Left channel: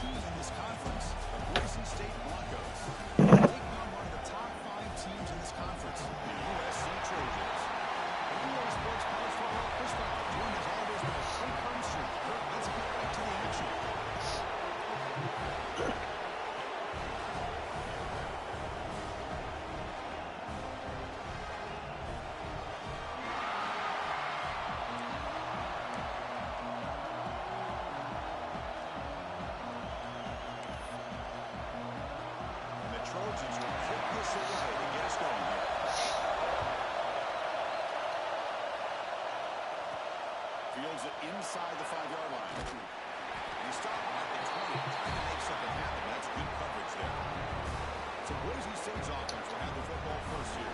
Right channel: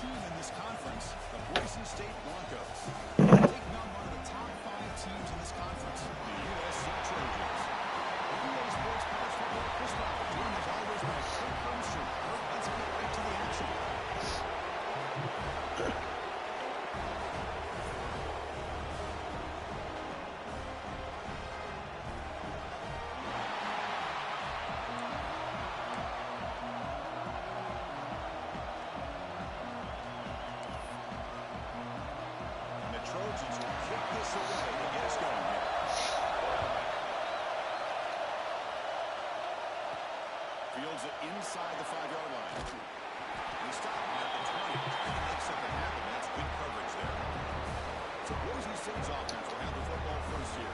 team in this conference, the Boise State Broncos. Taking on one of the top 5 teams in this conference, the USC Trojans. The EA Sports College Football Chris Bauer, joined as always by Kurt Hermstrom. Kurt, let's get right to the action. Trojans will kick this away to get us going here. Fields it inside the 5-yard line. And he stopped at the 20, trying to make something happen. That's good coverage there. So Boise State's offense will have the football first here.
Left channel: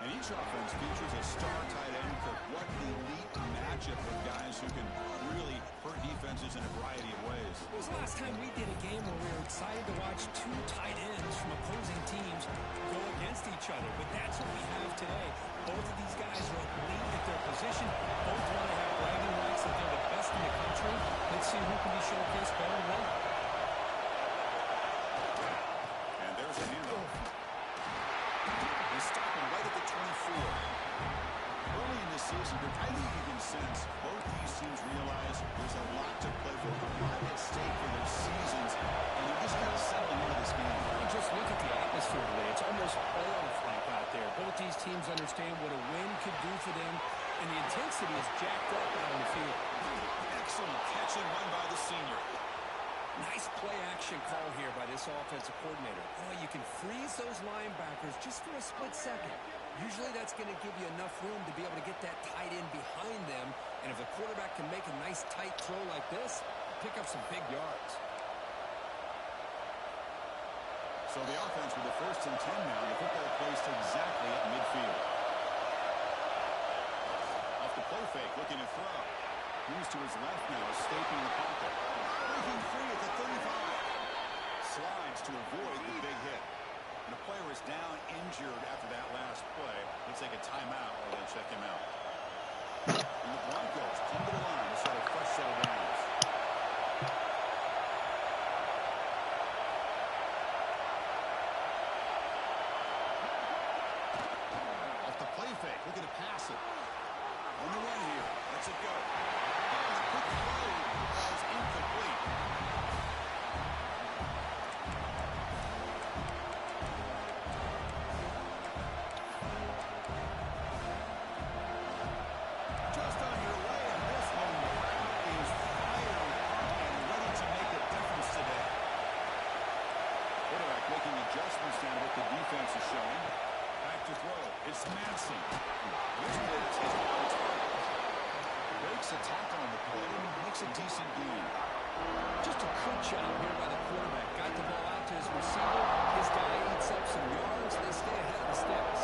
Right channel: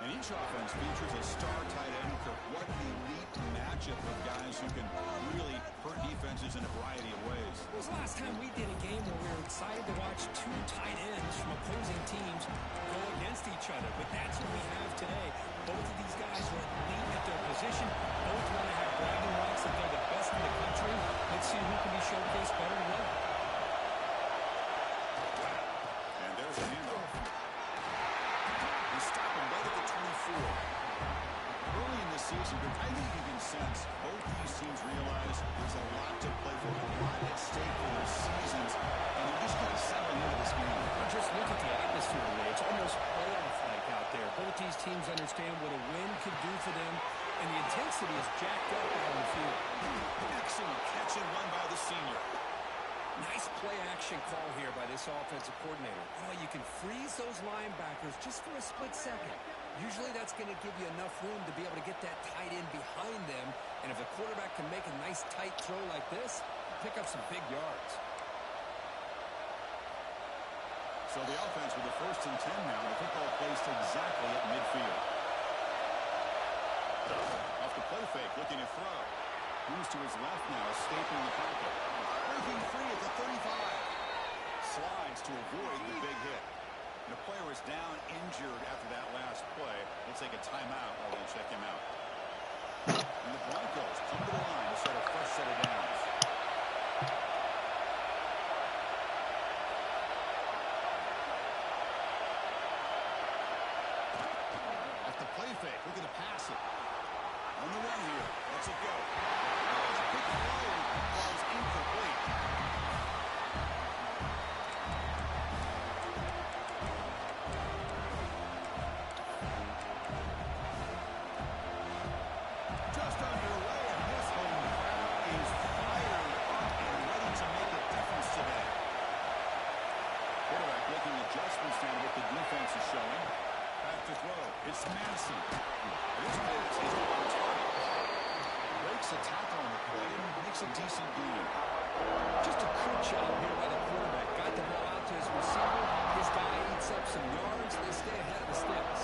And each offense features a star tight end. What an elite matchup with guys who can really hurt defenses in a variety of ways. When was the last time we did a game where we were excited to watch 2 tight ends from opposing teams go against each other? But that's what we have today. Both of these guys are elite at their position. Both want to have bragging rights that they're the best in the country. Let's see who can be showcased better than what. And there's a handoff. Stop him right at the 24. Early in the season, I think you can sense both these teams realize there's a lot to play for, a lot at stake for their seasons, and they're just kind of settling into this game. Well, just look at the atmosphere today. It's almost playoff-like out there. Both these teams understand what a win could do for them, and the intensity is jacked up out on the field. Excellent catch and run by the senior. Nice play-action call here by this offensive coordinator. Oh, you can freeze those linebackers just for a split second. Usually that's going to give you enough room to be able to get that tight end behind them. And if the quarterback can make a nice tight throw like this, pick up some big yards. So the offense with the 1st and 10 now. The football placed exactly at midfield. Off the play fake, looking to throw. Moves to his left now, escaping the pocket. Breaking free at the 35. Slides to avoid the big hit. And the player is down injured after that last play. We'll take a timeout while they check him out. And the Broncos come to the line to set a fresh set of downs. Off the play fake, looking to pass it. On the run here. Lets it go. Oh, the quick throw falls incomplete. Just underway, and this home crowd is fired up and ready to make a difference today. Quarterback making adjustments now to what the defense is showing. Back to throw. It's Madison. This pass is on target. Breaks a tackle on the play and makes a decent gain. Just a good job here by the quarterback. Got the ball out to his receiver. His guy eats up some yards. They stay ahead of the sticks.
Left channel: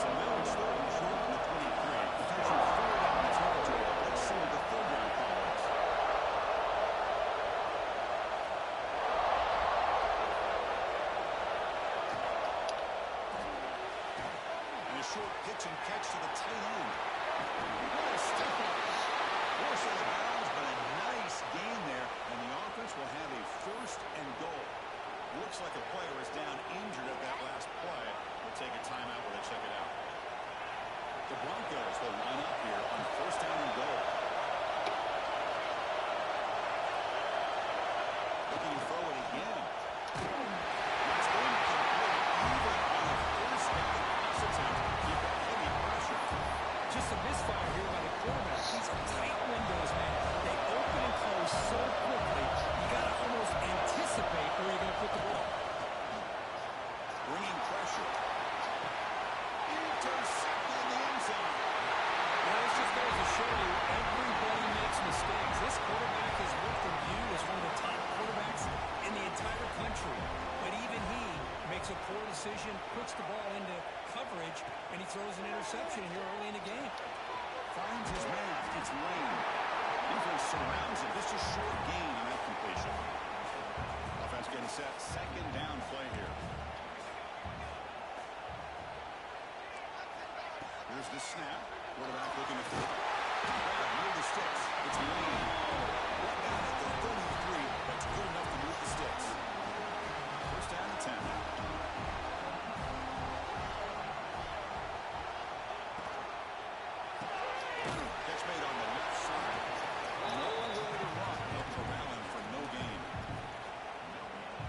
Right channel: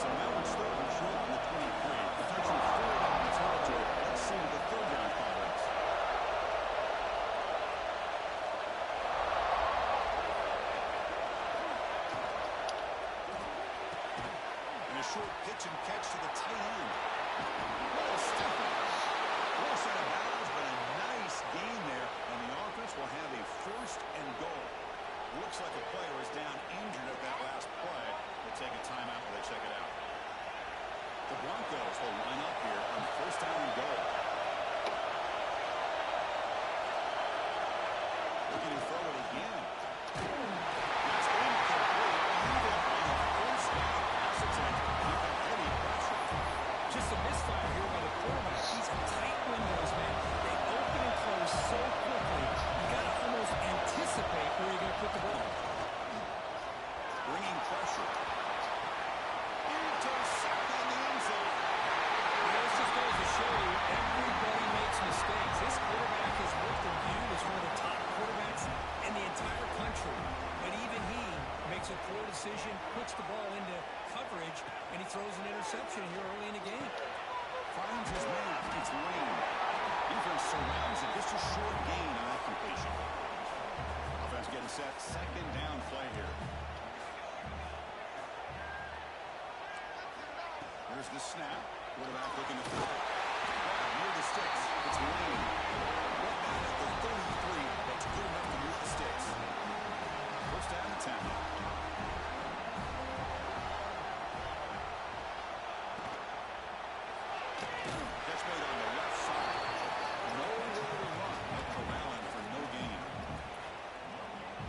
So now it's 3rd and short on the 23. Potential 4 down territory. Let's see what the 3rd down call is. Short pitch and catch to the tight end. What a step on. Force out of bounds, but a nice gain there. And the offense will have a 1st and goal. Looks like a player is down injured at that last play. We'll take a timeout while they check it out. The Broncos will line up here on 1st down and goal. Looking to throw it again. That's incomplete. Even on a 1st down pass attempt, you've got heavy pressure. Just a misfire here by the quarterback. These are tight windows, man. They open and close so quickly. You got to almost anticipate where you're going to put the ball. Bringing pressure. Intercepted in the end zone. Well, this just goes to show you everybody makes mistakes. This quarterback is looked and viewed as one of the top quarterbacks in the entire country. But even he makes a poor decision, puts the ball into coverage. coverage, and he throws an interception here early in the game. Finds his man. It's Lane. Defense surrounds it. Just a short gain on that completion. Offense getting set. Second down play here. Here's the snap. Quarterback looking to throw. Grab near the sticks. It's Lane. Brought down at the 33. That's good enough to move the sticks. First down and 10. Catch made on the left side. Nowhere to run. No corralling for no gain.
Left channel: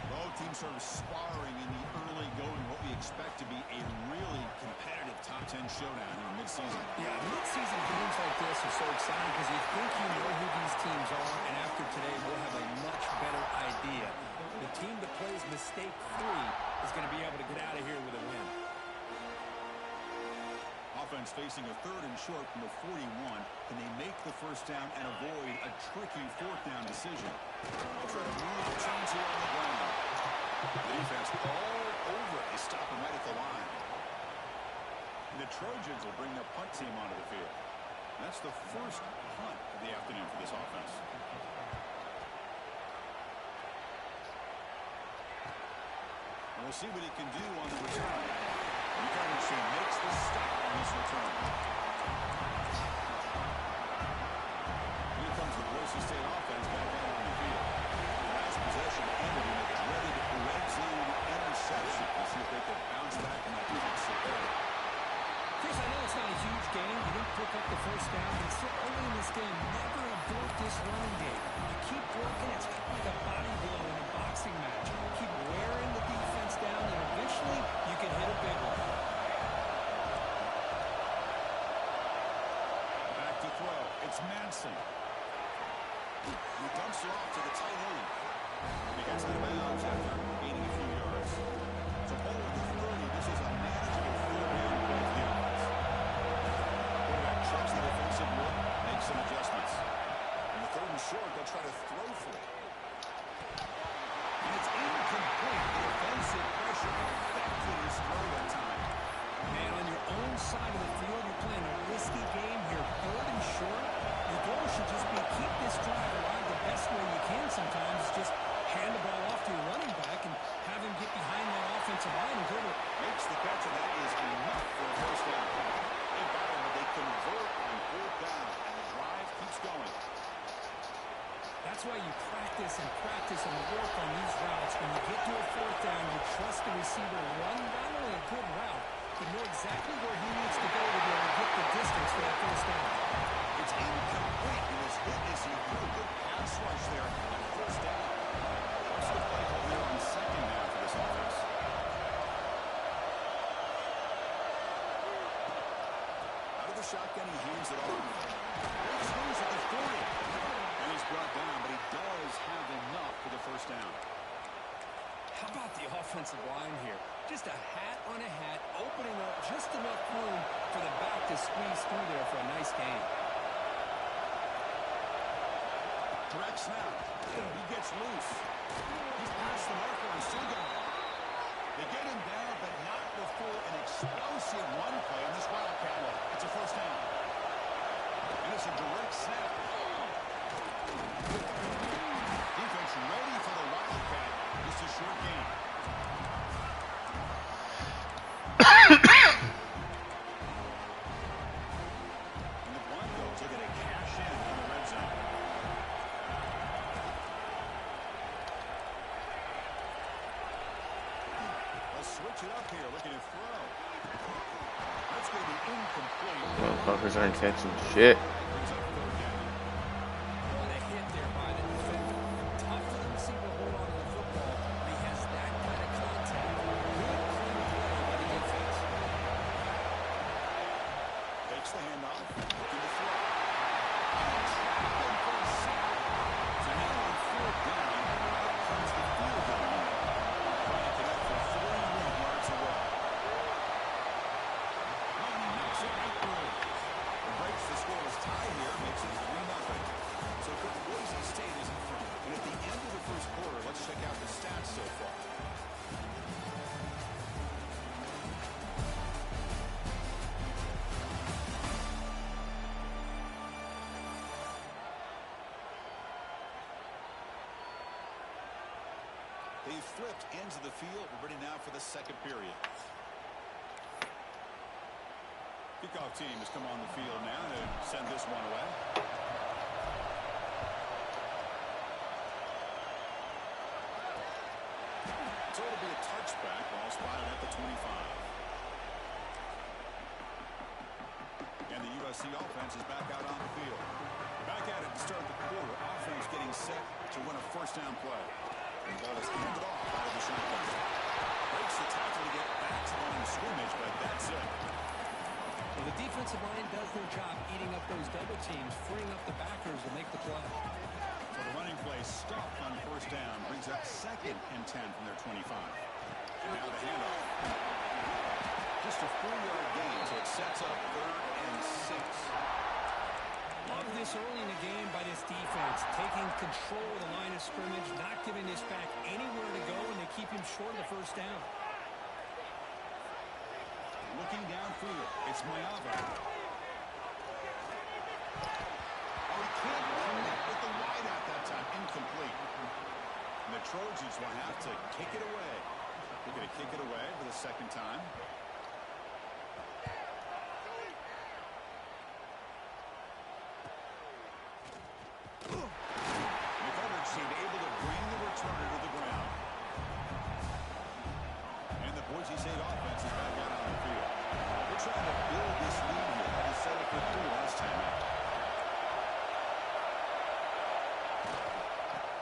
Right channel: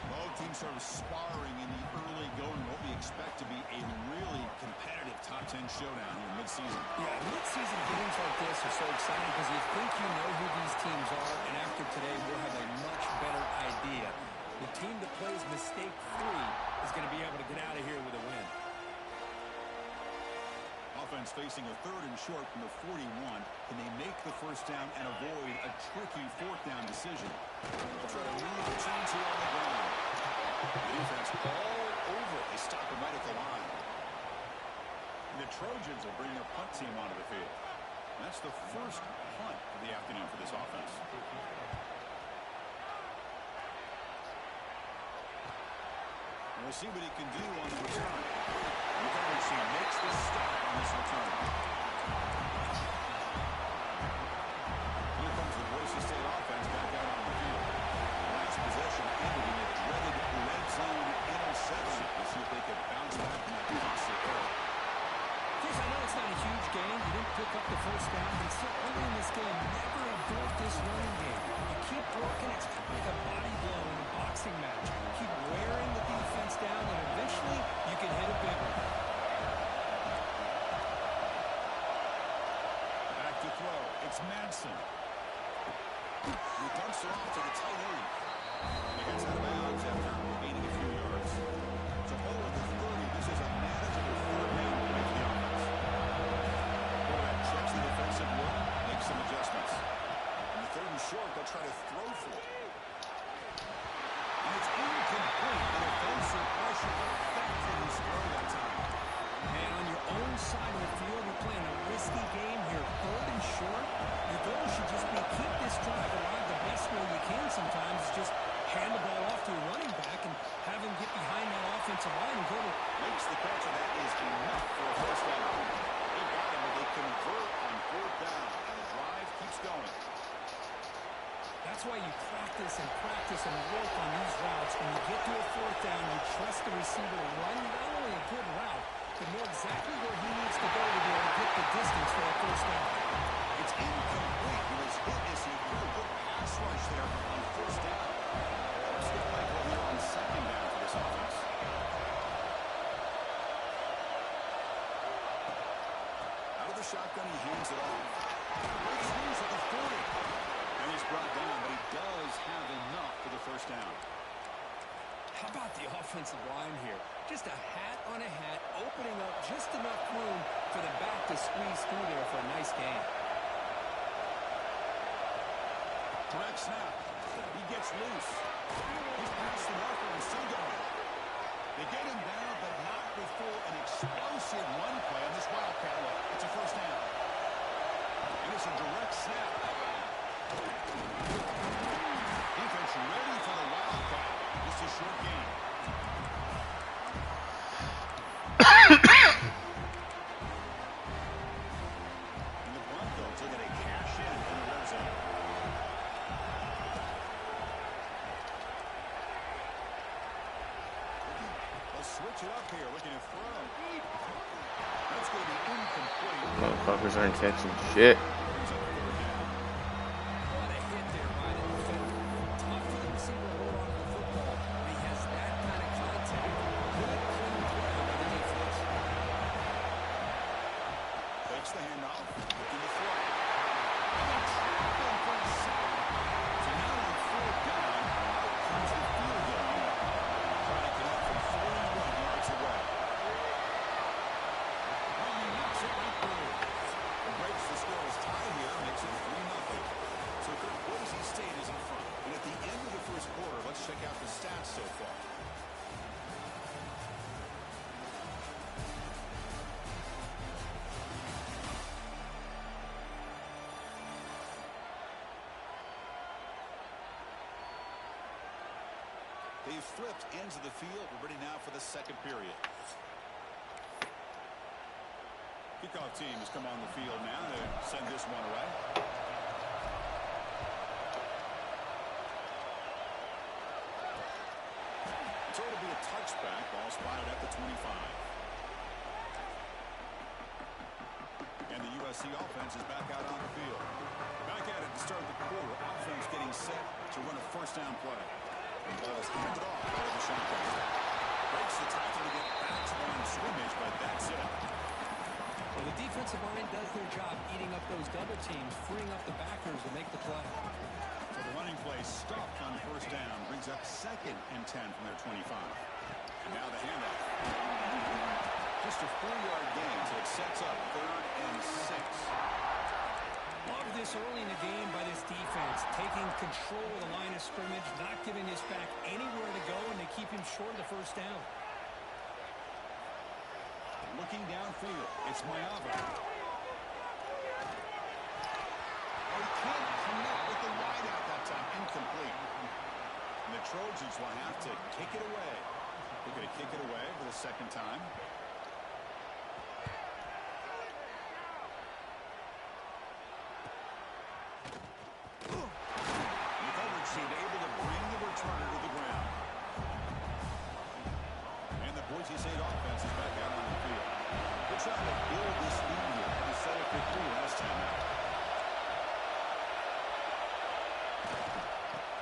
Both teams sort of sparring in the early going. What we expect to be a really competitive top 10 showdown here mid-season. Yeah, mid-season games like this are so exciting because you think you know who these teams are, and after today we'll have a much better idea. The team that plays mistake-free is going to be able to get out of here with a win. Offense facing a third and short from the 41. Can they make the first down and avoid a tricky fourth down decision? They'll try to move the chains here on the ground. The defense all over it. They stop him right at the line. And the Trojans will bring their punt team onto the field. And that's the first punt of the afternoon for this offense. And we'll see what he can do on the return. The coverage team makes the stop on this return. Here comes the Boise State offense back out on the field. The last possession ended in a dreaded red zone interception. Let's see if they can bounce back from that costly error. Chris, I know it's not a huge game. You didn't pick up the first down, but it's still early in this game. Never abort this running game. You keep working. It's kind of like a body blow in a boxing match. Keep wearing the defense down, and eventually you can hit a big one. Back to throw. It's Manson. He dumps it off to the tight end. He gets out of bounds after gaining a few yards. So ball at the 30. This is a manageable third down play for the offense. Quarterback checks the defensive look, makes some adjustments. In the third and short, they'll try to throw for it. And it's incomplete. The defensive pressure affected his throw that time. Man, on your own side of the field, you're playing a risky game here. Third and short, your goal should just be keep this drive alive the best way you can sometimes. Is just hand the ball off to your running back and have him get behind that offensive line and go to it. Makes the catch, and that is enough for a first down. They got him, but they convert on fourth down, and the drive keeps going. That's why you practice and work on these routes. When you get to a fourth down, you trust the receiver to run not only a good route, but know exactly where he needs to go to be able to get the distance for that first down. It's incomplete. He was hit as he threw a good pass rush there on first down. What's the play call here on second down for this offense? Out of the shotgun, he hands it off. Breaks loose at the 40. And he's brought down, but he does have enough for the first down. How about the offensive line here? Just a hat on a hat, opening up just enough room for the back to squeeze through there for a nice gain. Direct snap. He gets loose. He's past the marker and still going. They get him down, but not before an explosive run play on this Wildcat look. It's a first down. And it's a direct snap. Defense ready for the Wildcat. Just a short game. And the Broncos are going to cash in the red zone. They'll switch it up here, looking to throw. That's going to be incomplete. Motherfuckers aren't catching shit. Brings up third down. What a hit there by the defender. Tough for the receiver to hold on to the football when he has that kind of contact. Good, clean play by the defense. Takes the handoff, looking to throw. And they trap him for a sack. So now on fourth down, out comes the field goal unit. Trying to connect from 41 yards away. Oh, he knocks it right through. It breaks the scoreless tie here, makes it 3-0. So 5Boise State is in front. And at the end of the first quarter, let's check out the stats so far. They've flipped ends of the field. We're ready now for the second period. Kickoff team has come on the field now to send this one away. So it'll be a touchback. Ball spotted at the 25. And the USC offense is back out on the field. Back at it to start the quarter. Offense getting set to run a first down play. The ball is handed off out of the shotgun. Breaks the tackle to get back to the line of scrimmage, but that's it. Well, the defensive line does their job eating up those double teams, freeing up the backers to make the play. So the running play stopped on first down. Brings up 2nd and 10 from their 25. And now the handoff. Just a 4-yard gain, so it sets up 3rd and 6. Love this early in the game by this defense, taking control of the line of scrimmage, not giving this back anywhere to go, and they keep him short of the first down. Looking downfield, it's Mayava. Oh, he can't connect with the wideout that time. Incomplete. And the Trojans will have to kick it away. They're going to kick it away for the second time. Able to bring the returner to the ground. And the Boise State offense is back out on the field. They're trying to build this lead here. Had to settle for 3 last time out.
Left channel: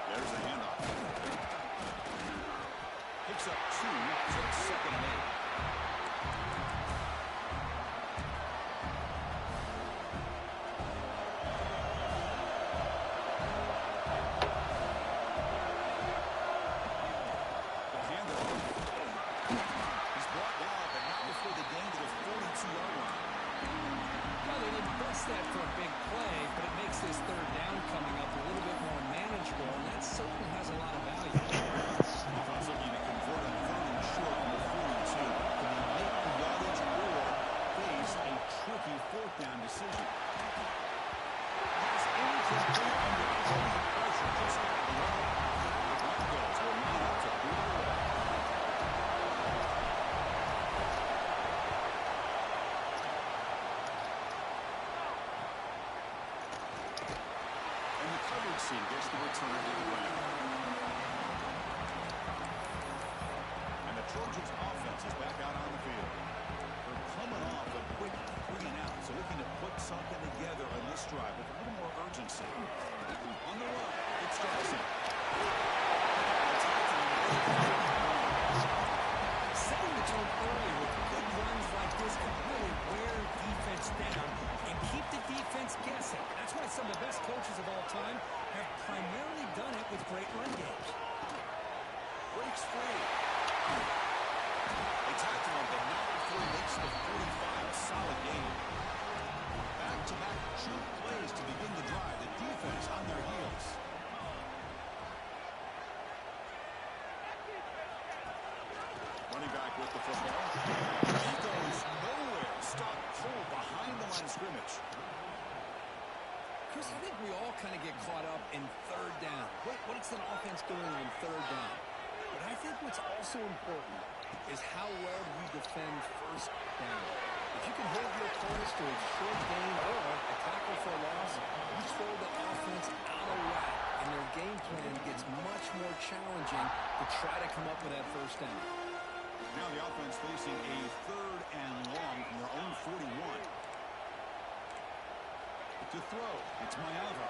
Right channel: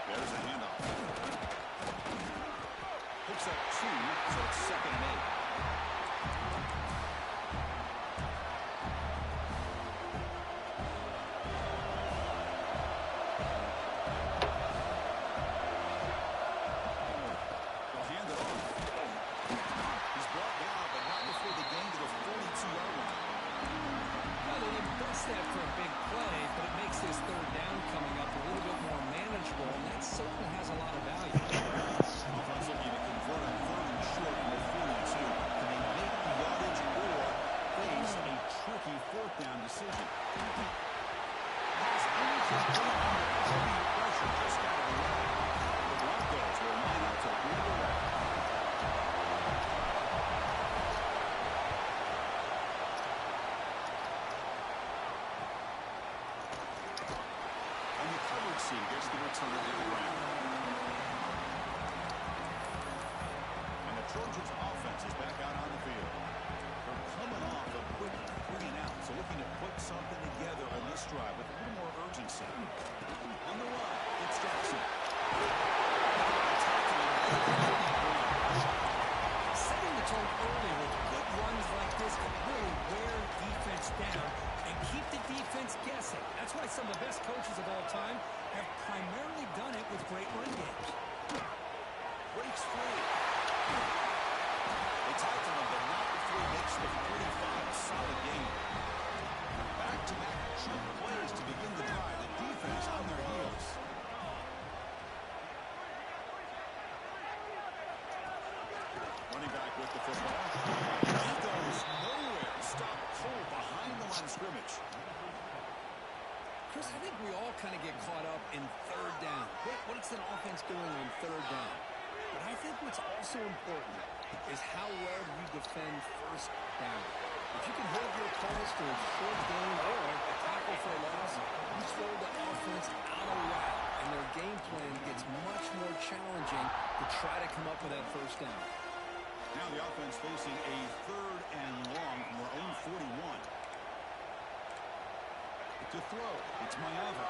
There's the handoff. Picks up 2, so it's 2nd and 8. That for a big play, but it makes this third down coming up a little bit more manageable, and that certainly has a lot of value. Offense looking to convert on 3rd and short from the 42. Can they make the yardage or face a tricky 4th down decision? Has anything put under heavy pressure just got out of the way. The Broncos will line up to boot it away. Team gets the returner to the ground. And the Trojans offense is back out on the field. They're coming off a quick 3 and out, so looking to put something together on this drive with a little more urgency. On the run, it's Jackson. Setting the tone early with good runs like this can really wear defense down and keep the defense guessing. That's why some of the best coaches of all time have primarily done it with great run games. Breaks free. They tackle him, but not before he makes the 45. A solid game. Back-to-back chunk plays to begin the drive. The defense on their heels. Running back with the football. He goes nowhere. Stopped cold behind the line of scrimmage. Chris, I think we all kind of get caught up in third down. What's an offense doing on third down? But I think what's also important is how well you defend first down. If you can hold your opponents to a short gain or a tackle for a loss, you throw the offense out of whack, and their game plan gets much more challenging to try to come up with that first down. Now the offense facing a 3rd and long from their own 41. To throw, it's Mayava.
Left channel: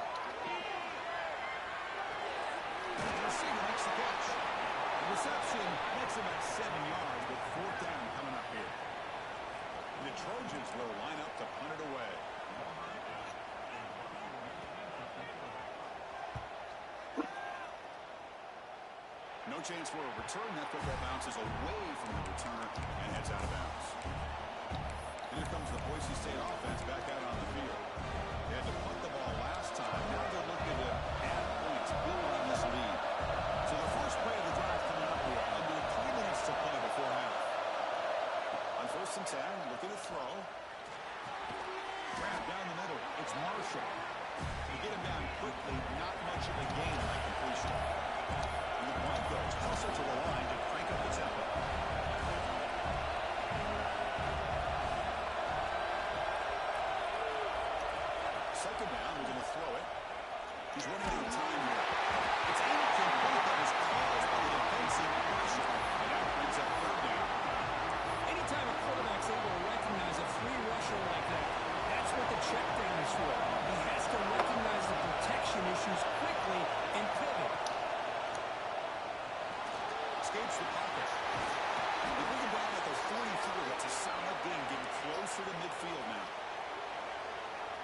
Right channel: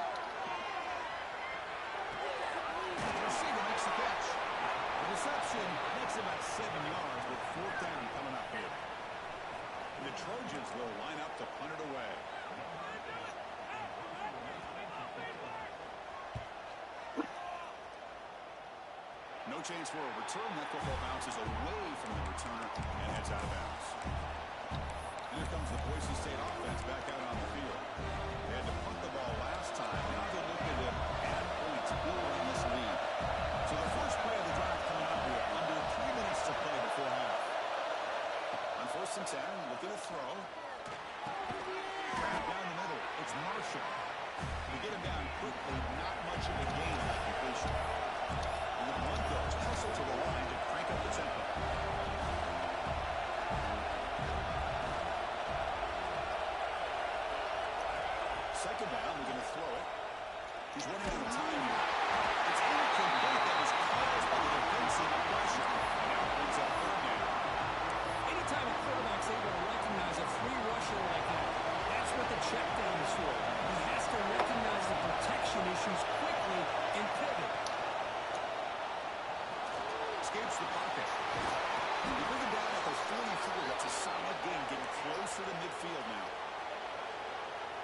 The receiver makes the catch. The reception makes about 7 yards with 4th down coming up here. And the Trojans will line up to punt it away. No chance for a return. That football bounces away from the returner and heads out of bounds. And here comes the Boise State offense back out on the field. They had to punt the ball last time. Now they're looking to add points, build on this lead. So the first play of the drive coming up here. Under 3 minutes to play before half. On 1st and 10, looking to throw. Grab down the middle. It's Marshall. To get him down quickly, not much of a gain on that completion. And the Broncos hustle to second down. We're going to throw it. He's running out of time here. It's incomplete. That was caused by the defensive pressure. And now it brings up third down. Anytime a quarterback's able to recognize a free rusher like that, that's what the check down is for. He has to recognize the protection issues quickly and pivot. Escapes the pocket. They bring him down at the 44. That's a solid gain, getting closer to midfield now.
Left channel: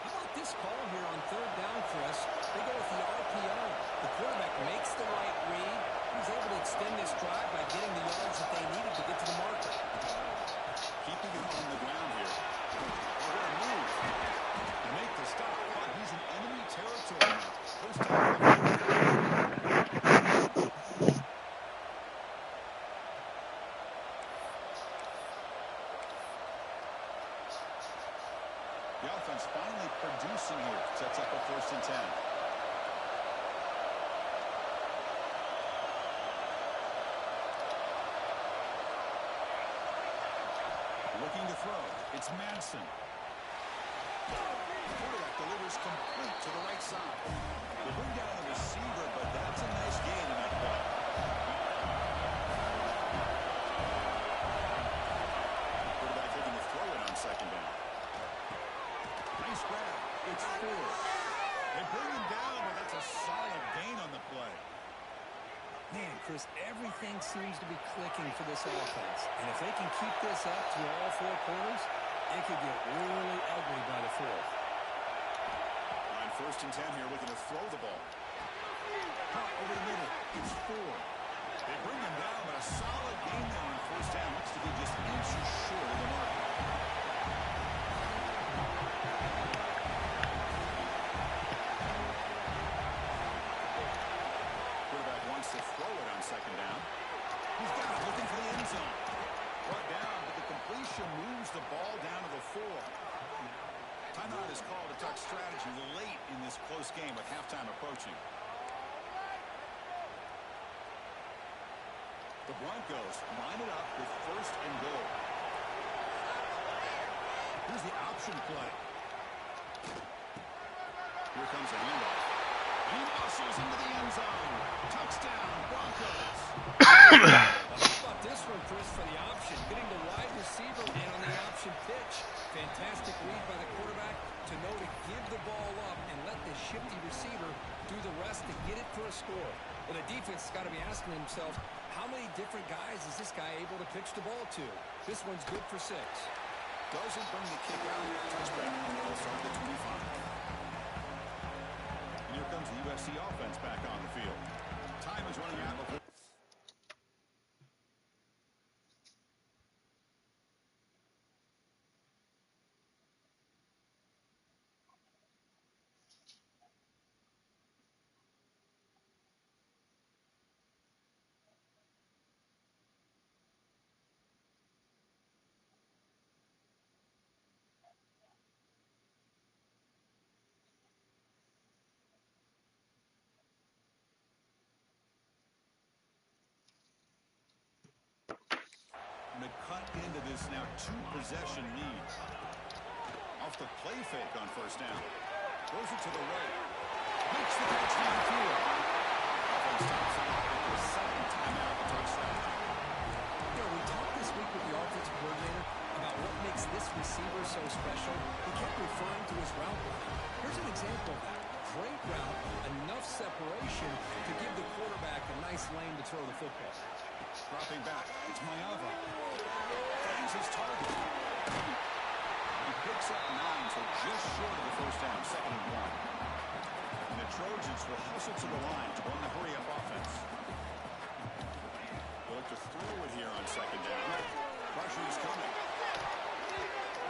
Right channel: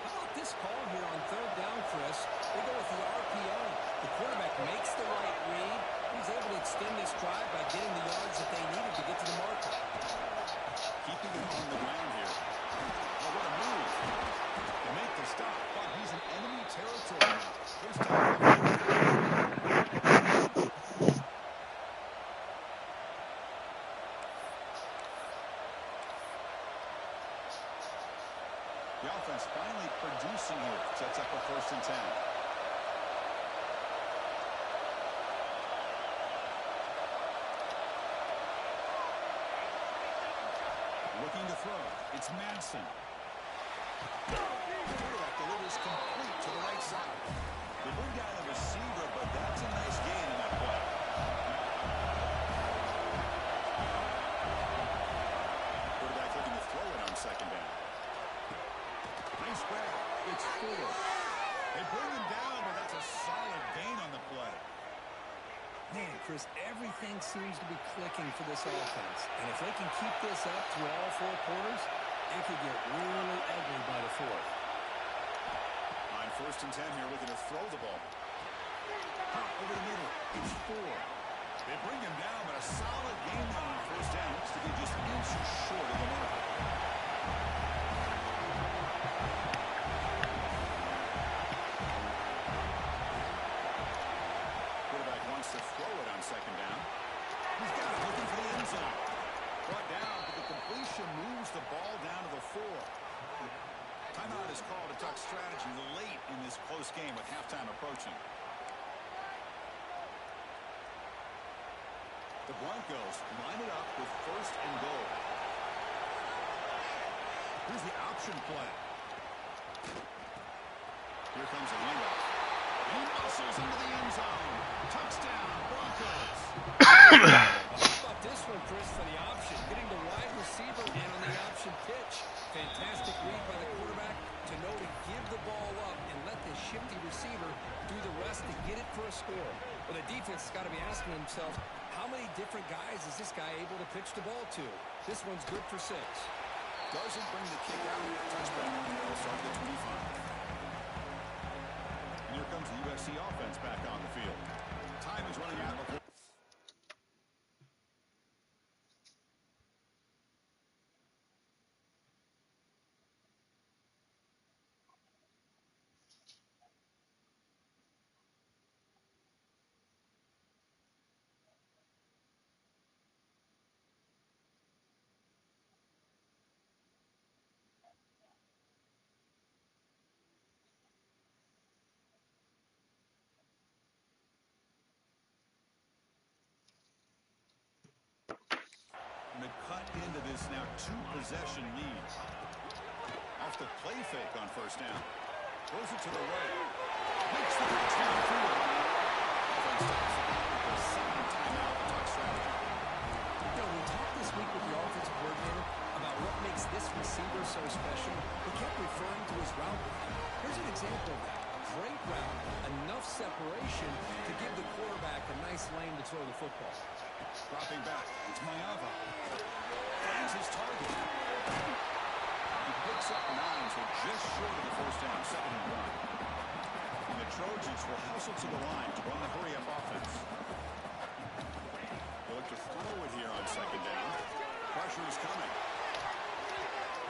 How about this call here on third down, Chris? They go with the RPO. The quarterback makes the right read. He's able to extend this drive by getting the yards that they needed to get to the marker. Keeping him on the ground here. Oh, what a move. They make the stop, but he's in enemy territory now. First down. The offense finally producing here. Sets up a 1st and 10. Looking to throw. It's Manson. Quarterback delivers complete to the right side. They bring down the receiver, but that's a nice gain in that play. Quarterback looking to throw it on second down. Nice grab. It's 4. They bring him down, but that's a solid gain on the play. Man, Chris, everything seems to be clicking for this offense. And if they can keep this up through all 4 quarters, it could get really ugly by the 4th. On 1st and 10 here, looking to throw the ball. Caught over the middle. It's 4. They bring him down, but a solid gain now on 1st down. Looks to be just inches short of the marker. Wants to throw it on second down. He's got it, looking for the end zone. Brought down, but the completion moves the ball down to the 4. Timeout is called to talk strategy late in this close game with halftime approaching. The Broncos line it up with 1st and goal. Here's the option play. Here comes a handoff. And he muscles into the end zone. Touchdown, Broncos. How about this one, Chris, for the option? Getting the wide receiver and on the option pitch. Fantastic read by the quarterback to know to give the ball up and let the shifty receiver do the rest to get it for a score. Well, the defense has got to be asking themselves, how many different guys is this guy able to pitch the ball to? This one's good for 6. Doesn't bring the kick out. Touchback. They'll start the 25. Here comes the USC offense back on the field. Time is running out before. To cut into this now 2-possession lead. Off the play fake on 1st down. Throws it to the right. Makes the catch downfield. Offense stops the clock with their 2nd timeout to talk strategy. You know, we talked this week with the offensive coordinator about what makes this receiver so special. He kept referring to his route running. Here's an example of that. Great route, enough separation to give the quarterback a nice lane to throw the football. Dropping back. It's Mayava. Finds his target. He picks up 9, so just short of the 1st down. 2nd and 1. And the Trojans will hustle to the line to run the hurry-up offense. They look to throw it here on 2nd down. Pressure is coming.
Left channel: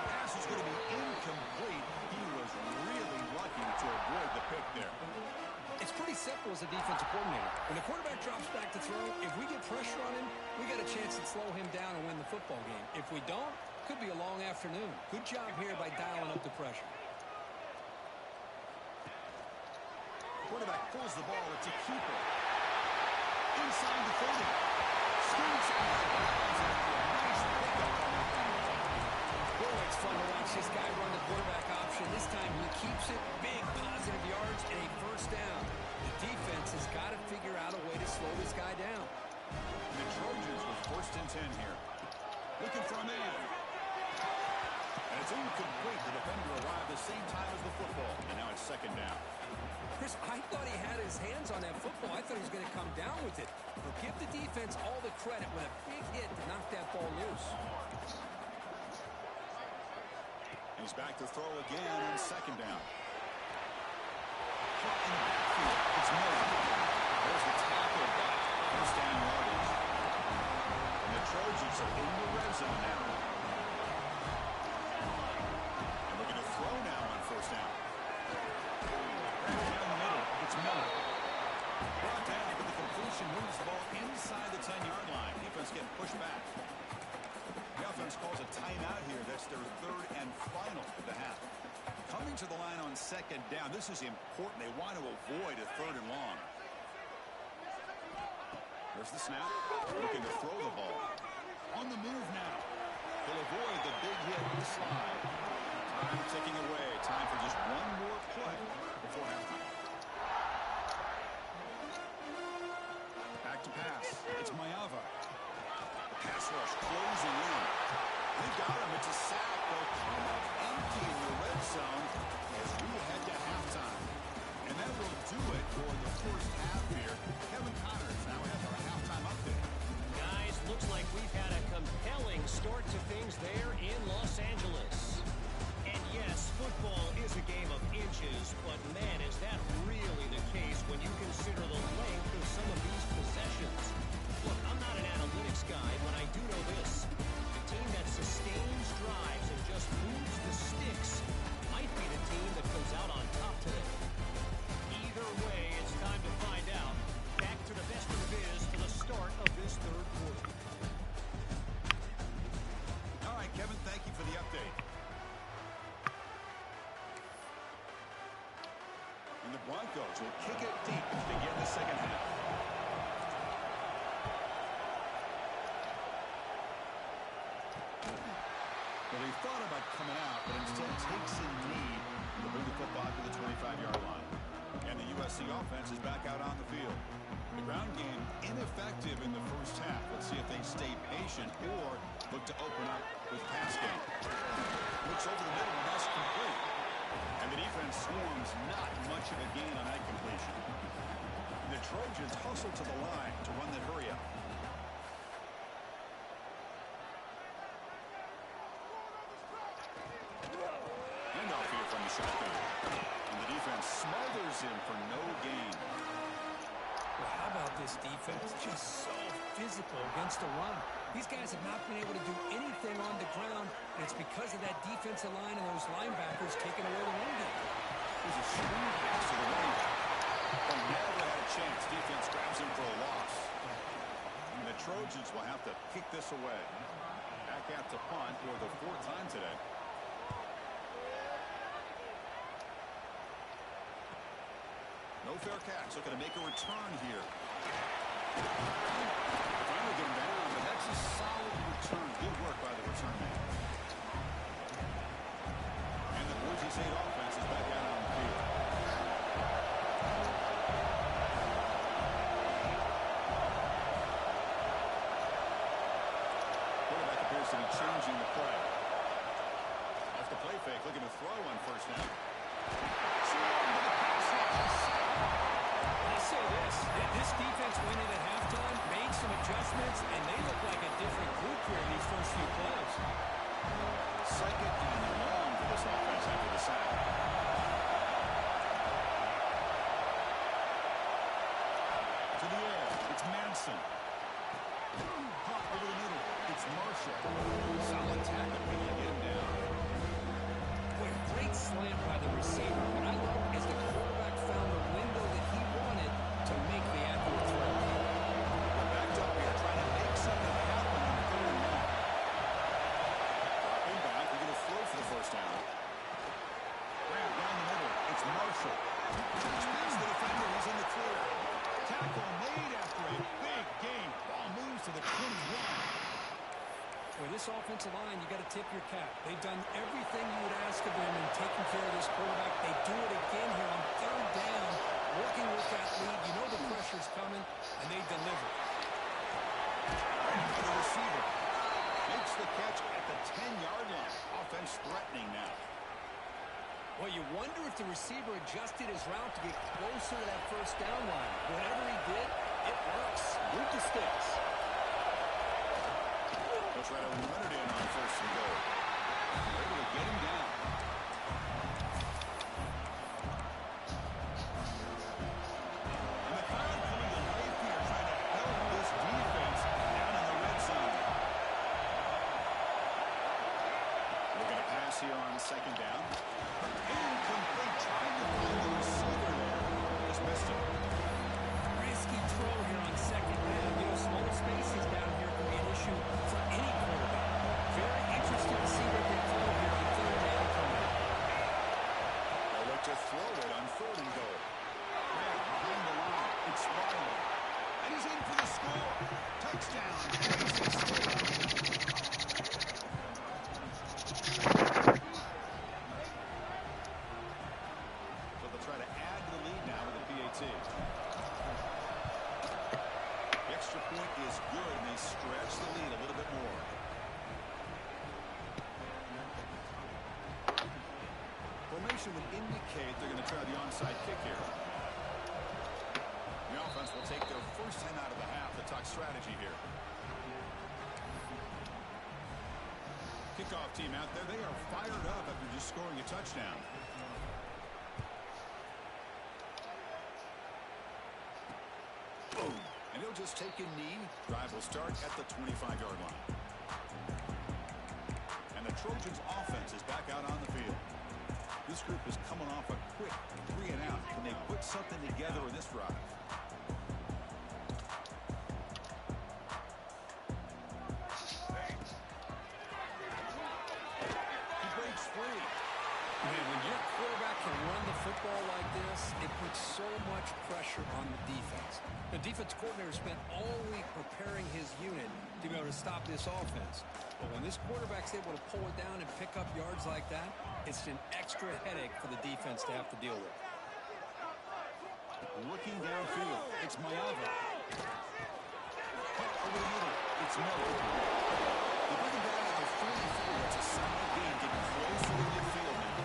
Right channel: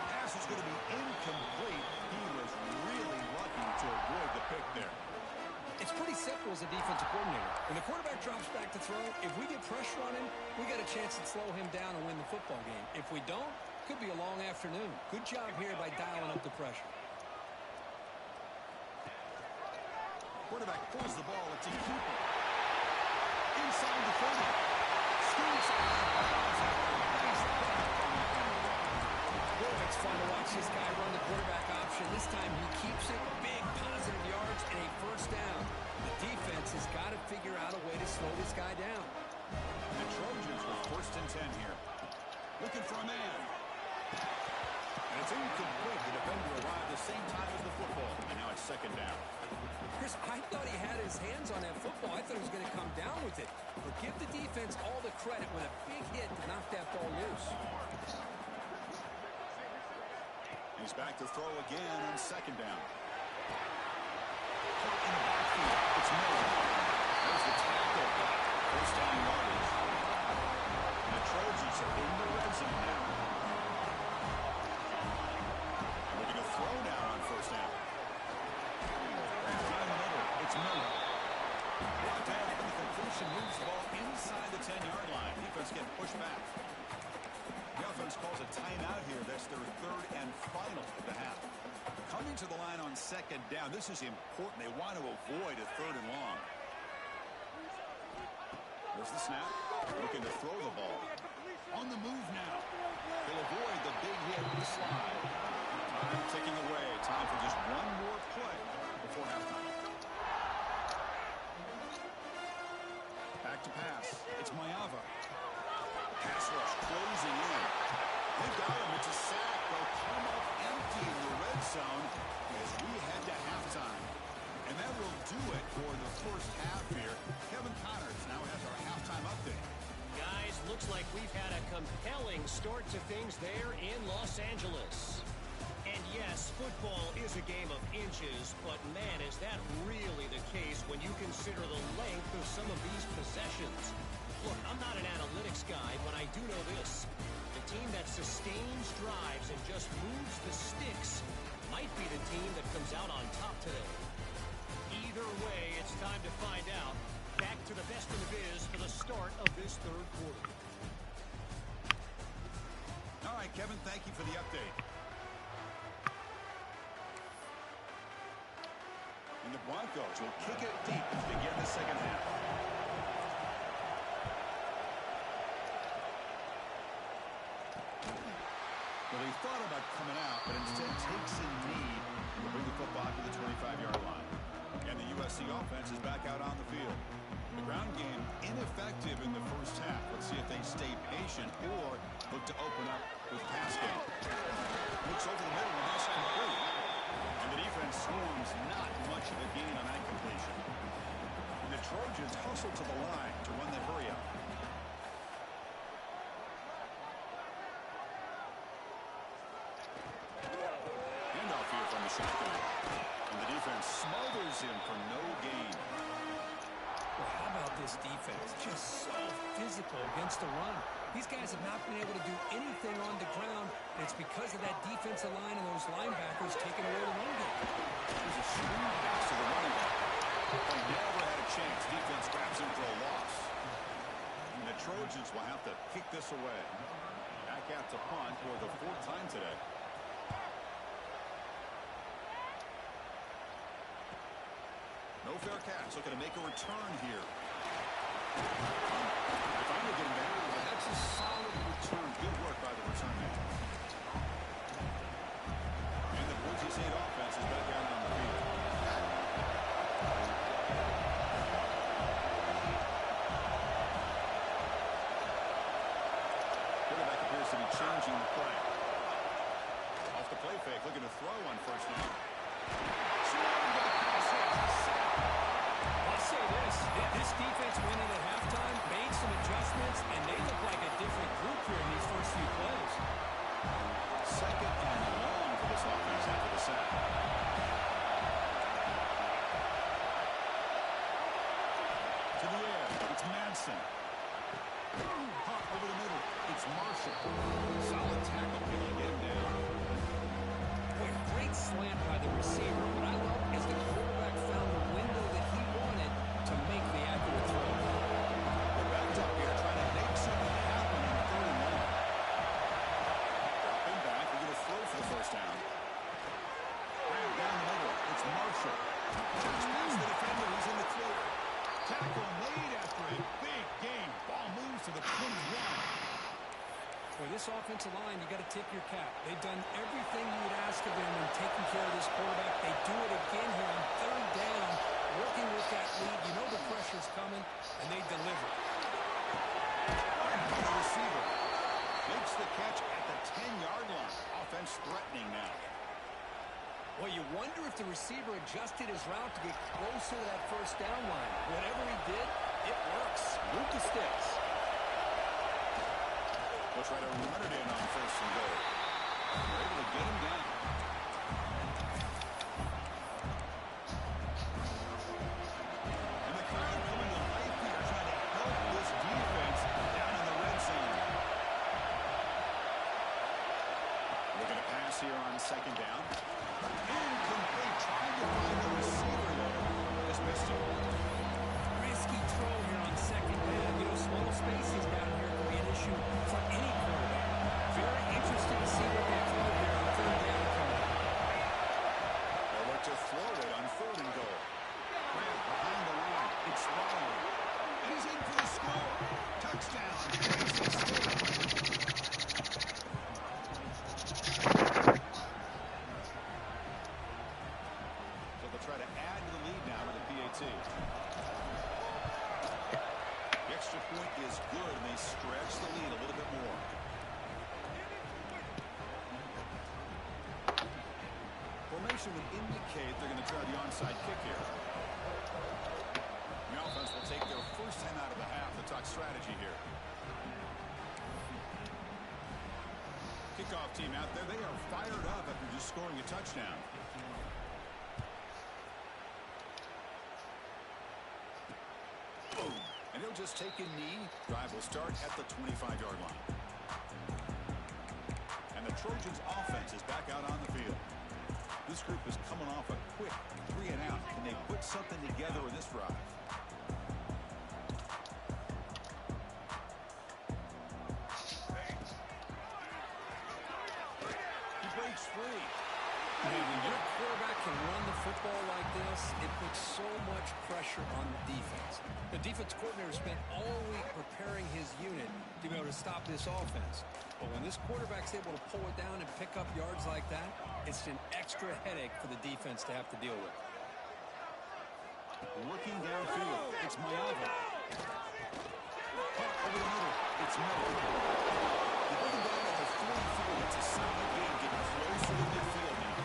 Pass is going to be incomplete. He was really lucky to avoid the pick there. It's pretty simple as a defensive coordinator. When the quarterback drops back to throw, if we get pressure on him, we got a chance to slow him down and win the football game. If we don't, could be a long afternoon. Good job here by dialing up the pressure. Quarterback pulls the ball. It's a keeper. Inside the 30. Scoots out of bounds after a nice pickup on the play. Boy, it's fun to watch this guy run the quarterback option. This time he keeps it. Big positive yards and a first down. The defense has got to figure out a way to slow this guy down. And the Trojans with 1st and 10 here. Looking for a man. And it's incomplete. The defender arrived the same time as the football. And now it's 2nd down. Chris, I thought he had his hands on that football. I thought he was going to come down with it. But give the defense all the credit with a big hit to knock that ball loose. He's back to throw again on 2nd down. Caught in the backfield. It's Miller. There's the tackle, but 1st down yardage. And the Trojans are in the red zone now. And looking to throw now on 1st down. Down the middle, it's Miller. Brought down, but the completion moves the ball inside the 10-yard line. Defense getting pushed back. The offense calls a timeout here. That's their 3rd and final of the half. Coming to the line on 2nd down. This is important. They want to avoid a 3rd and long. There's the snap. Looking to throw the ball. On the move now. He'll avoid the big hit with the slide. Time ticking away. Time for just one more play before halftime. Back to pass. It's Mayava. Pass rush closing in. They got him. It's a sack. They'll come up empty in the red zone as we head to halftime. And that will do it for the first half here. Kevin Connors now has our halftime update. Guys, looks like we've had a compelling start to things there in Los Angeles. And yes, football is a game of inches, but man, is that really the case when you consider the length of some of these possessions. Look, I'm not an analytics guy, but I do know this. The team that sustains drives and just moves the sticks might be the team that comes out on top today. Either way, it's time to find out. Back to the best of the biz for the start of this 3rd quarter. All right, Kevin, thank you for the update. And the Broncos will kick it deep to begin the 2nd half. Well, he thought about coming out, but instead takes a knee to bring the football to the 25-yard line. And the USC offense is back out on the field. The ground game ineffective in the first half. Let's see if they stay patient or look to open up with pass game. Looks over the middle, and that's complete. And the defense swarms not much of a gain on that completion. And the Trojans hustle to the line to run that hurry up. Handoff here from the shotgun. And the defense smothers him for no gain. Well, how about this defense? Just so physical against the run. These guys have not been able to do anything on the ground, and it's because of that defensive line and those linebackers taking away the run game. There's a screen pass to the running back. They never had a chance. Defense grabs him for a loss. And the Trojans will have to kick this away. Back out to punt for the 4th time today. No fair catch. Looking to make a return here. They finally get him down, but that's a solid return. Good work by the return man. And the Boise State offense is back out on the field. Quarterback appears to be changing the play. Off the play fake, looking to throw on 1st down. Swarm with the pass rush. I'll say this defense went in at halftime, made some adjustments, and they look like a different group here in these first few plays. 2nd and long for this offense after the sack. To the air, it's Manson. Hot over the middle, it's Marshall. Solid tackle, able to get him down. Boy, great slant by the receiver. What I love is the quarterback found the window that he wanted to make the accurate throw. They're backed up here, trying to make something happen on 3rd and long. Dropping back, we're going to throw for the 1st down. Graham down the middle, it's Marshall. Just past the defender, he's in the clear. Tackle made after a big gain. Ball moves to the 21. With this offensive line, you got to tip your cap. They've done everything you would ask of them in taking care of this quarterback. They do it again here on third down, working with that lead. You know the pressure's coming, and they deliver. The receiver makes the catch at the 10-yard line. Offense threatening now. Well, you wonder if the receiver adjusted his route to get closer to that first down line. Whatever he did, it works. Move the sticks. They'll try to run it in on first and goal. They're able to get him down. And the crowd coming to life here, trying to help this defense down in the red zone. Looking to pass here on second down. Incomplete, trying to find the receiver there. Just missed him. Risky throw here on second down. You know, small spaces down here can be an issue for any quarterback. Very interested to see what they throw here on third down coming up. They'll look to throw it on third and goal. Grab behind the line. It's Riley. And he's in for the score. Touchdown. So they'll try to add to the lead now with a PAT. The extra point is good, and they stretch the lead a little bit more. Formation would indicate they're going to try the onside kick here. The offense will take their first time out of the half to talk strategy here. Kickoff team out there. They are fired up after just scoring a touchdown. Boom. And he'll just take a knee. Drive will start at the 25-yard line. And the Trojans' offense is back out on the field. This group is coming off a quick 3-and-out. Can they put something together in this drive? He breaks free. Man, when your quarterback can run the football like this, it puts so much pressure on the defense. The defense coordinator spent all week preparing his unit to be able to stop this offense. But when this quarterback's able to pull it down and pick up yards like that, it's an extra headache for the defense to have to deal with. Looking downfield, it's Mayava. Cut over the middle, it's Miller. They bring him down at the 44. That's a solid gain, getting closer to midfield now.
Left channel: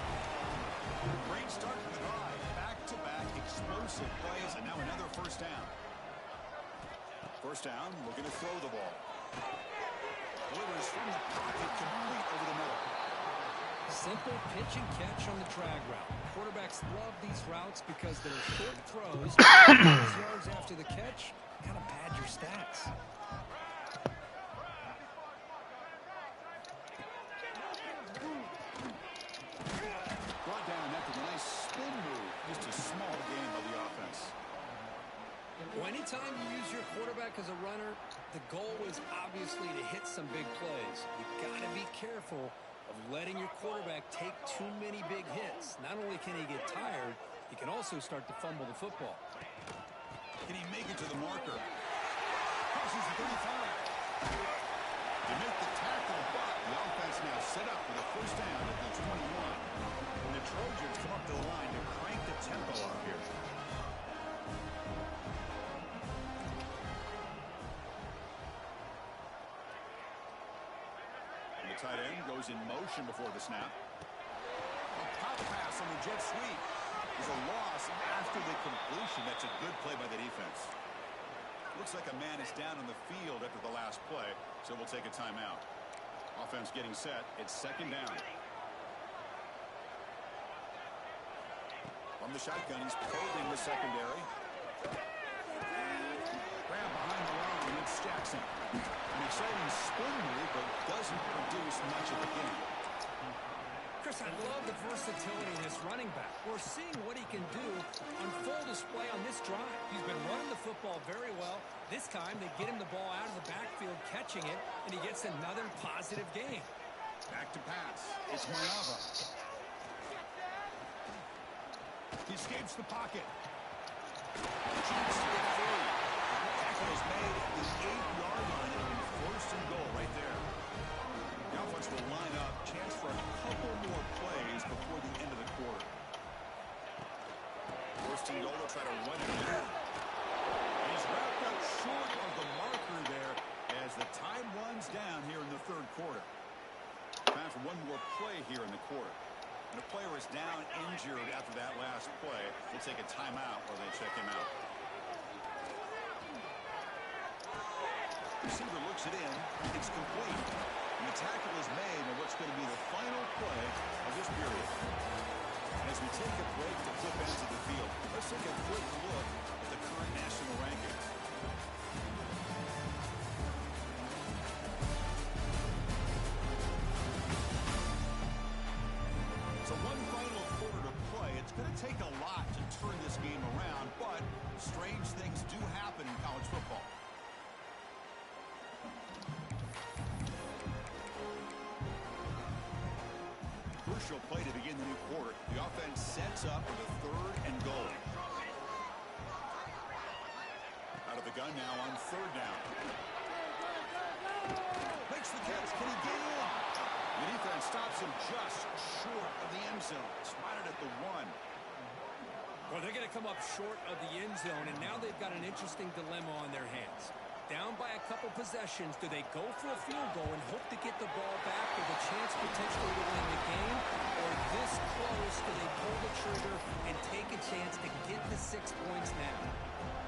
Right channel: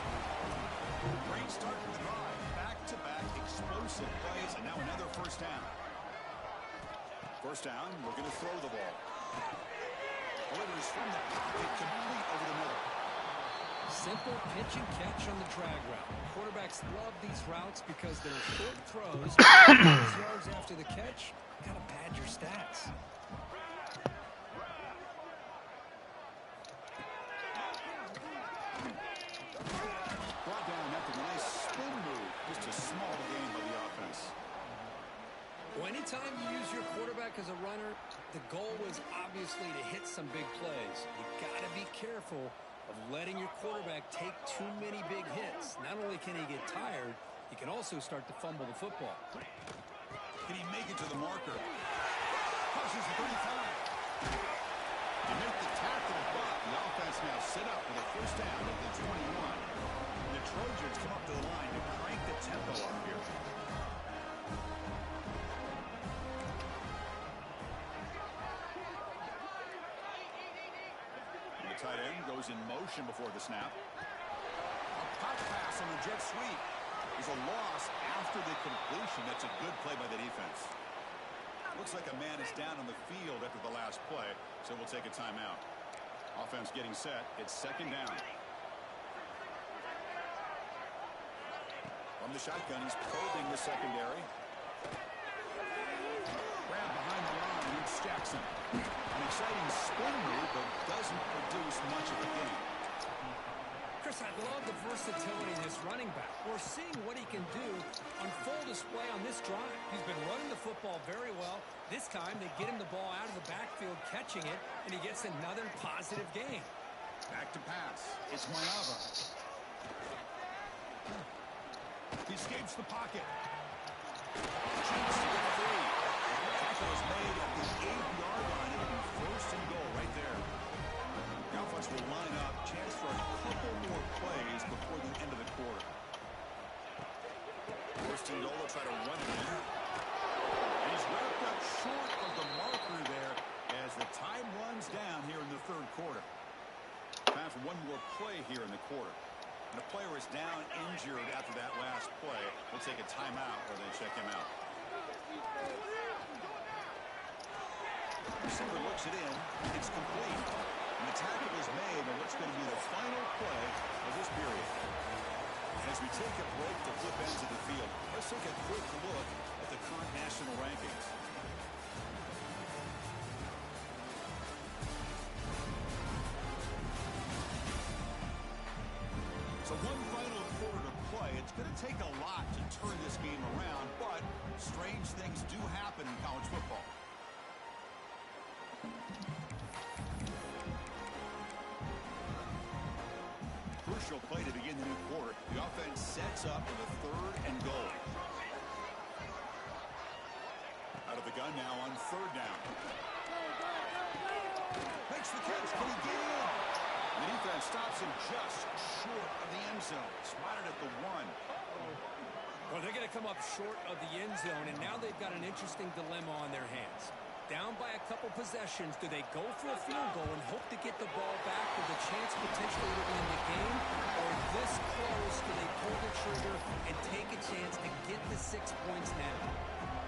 Great start for the drive. Back-to-back explosive plays, and now another first down. First down, looking to throw the ball. Delivers from the pocket, complete over the middle. Simple pitch and catch on the drag route. Quarterbacks love these routes because they're short throws. Those yards after the catch kind of pad your stats. Brought down after a nice spin move. Just a small gain by the offense. Well, anytime you use your quarterback as a runner, the goal is obviously to hit some big plays. You got to be careful of letting your quarterback take too many big hits. Not only can he get tired, he can also start to fumble the football. Can he make it to the marker? Crosses the 35. To make the tackle, but the offense now set up for the first down at the 21. And the Trojans come up to the line to crank the tempo up here. Tight end goes in motion before the snap. A pop pass on the jet sweep. There's a loss after the completion. That's a good play by the defense. Looks like a man is down on the field after the last play, so we'll take a timeout. Offense getting set. It's second down. From the shotgun, he's probing the secondary. Grab behind the line, it's Jackson. An exciting spin move, but doesn't produce much of a gain. Chris, I love the versatility in this running back. We're seeing what he can do on full display on this drive. He's been running the football very well. This time, they get him the ball out of the backfield, catching it, and he gets another positive gain. Back to pass. It's Mayava. He escapes the pocket. Cheats to get free. Tackle is made at the 8-yard line. It'll be first and goal right there. line up. Chance for a couple more plays before the end of the quarter. First and goal, they'll try to run it in. And he's wrapped up short of the marker there as the time runs down here in the third quarter. Time for one more play here in the quarter. And a player is down injured after that last play. We'll take a timeout while they check him out. Receiver looks it in. It's complete. And the tackle is made on what's going to be the final play of this period. And as we take a break to flip ends of the field, let's take a quick look at the current national rankings. So one final quarter to play. It's going to take a lot to turn this game around, but strange things do happen in college football. Crucial play to begin the new quarter. The offense sets up with a third and goal. Out of the gun now on third down. Makes the catch. Can he get in? The defense stops him just short of the end zone. Spotted at the 1. Well, they're going to come up short of the end zone, and now they've got an interesting dilemma on their hands. Down by a couple possessions, do they go for a field goal and hope to get the ball back with a chance potentially to win the game? Or this close, do they pull the trigger and take a chance to get the 6 points now?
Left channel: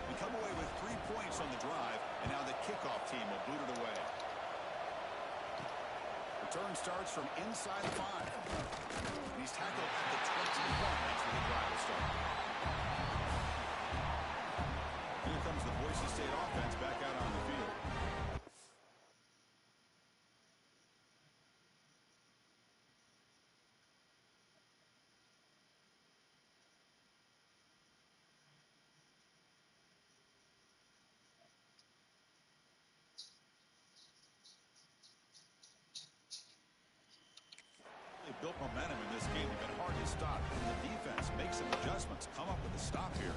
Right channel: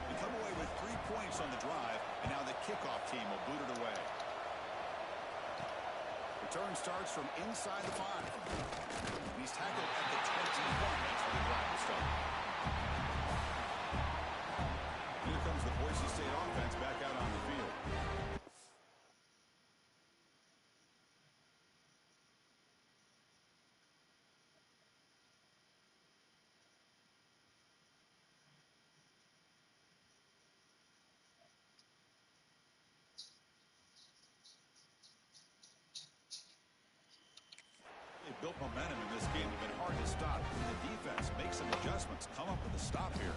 They come away with 3 points on the drive, and now the kickoff team will boot it away. Return starts from inside the 5. He's tackled at the 21. That's where the drive will start. Here comes the Boise State offense back out on the field. They built momentum in this game. They've been hard to stop. And the defense makes some adjustments. Come up with a stop here.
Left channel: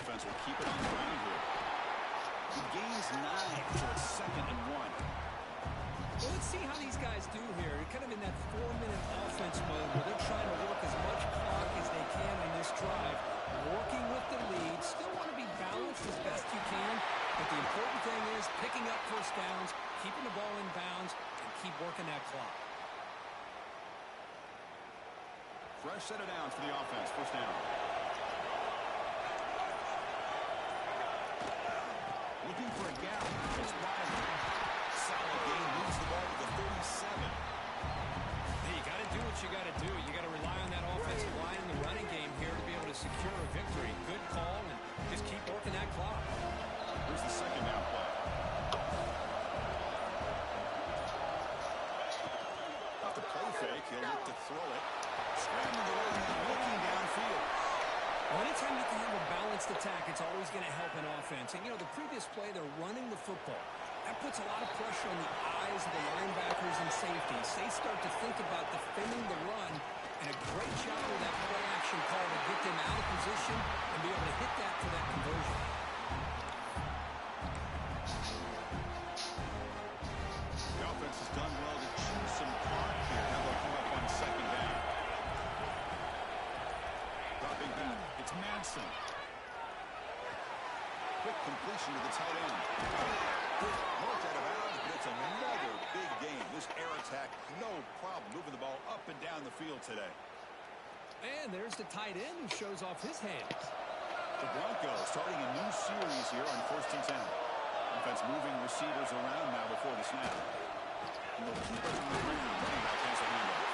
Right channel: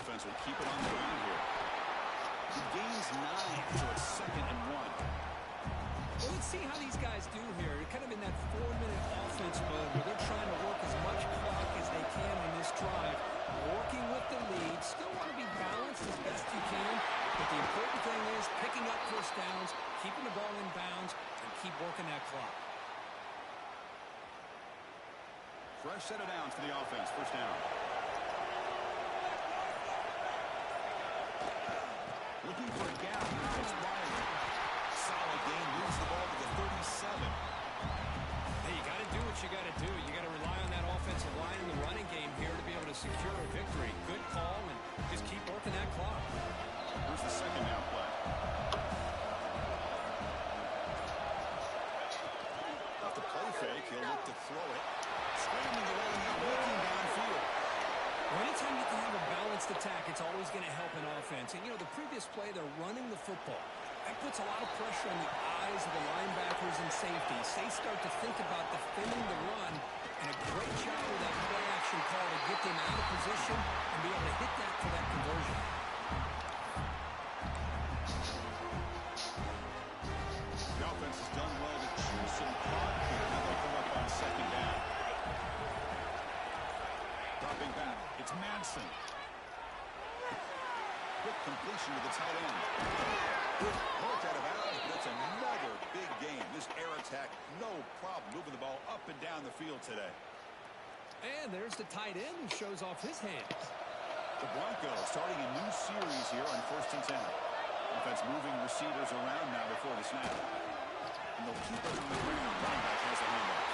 Offense will keep it on the ground here. He gains 9, so it's 2nd and 1. Well, let's see how these guys do here. They're kind of in that 4-minute offense mode where they're trying to work as much clock as they can on this drive. Working with the lead. Still want to be balanced as best you can. But the important thing is picking up first downs, keeping the ball in bounds, and keep working that clock. Fresh set of downs for the offense. First down. Looking for a gap. It's Riley. Solid gain. Moves the ball to the 37. Hey, you got to do what you got to do. You got to rely on that offensive line in the running game here to be able to secure a victory. Good call, and just keep working that clock. Here's the second down play. Off the play fake, he'll look to throw it. Scrambling around now, looking downfield. Well, anytime you can have a balanced attack, it's always going to help an offense. And, you know, the previous play, they're running the football. That puts a lot of pressure on the eyes of the linebackers and safeties. They start to think about defending the run, and a great job with that play-action call to get them out of position and be able to hit that for that conversion. The offense has done well to choose some clock here. Now they'll come up on second down. Dropping back, it's Madsen. Quick completion to the tight end. Marked out of bounds, but it's another big game. This air attack, no problem moving the ball up and down the field today. And there's the tight end who shows off his hands. The Broncos starting a new series here on 1st and 10. Offense moving receivers around now before the snap. And they'll keep it on the ground. Running back has a handoff.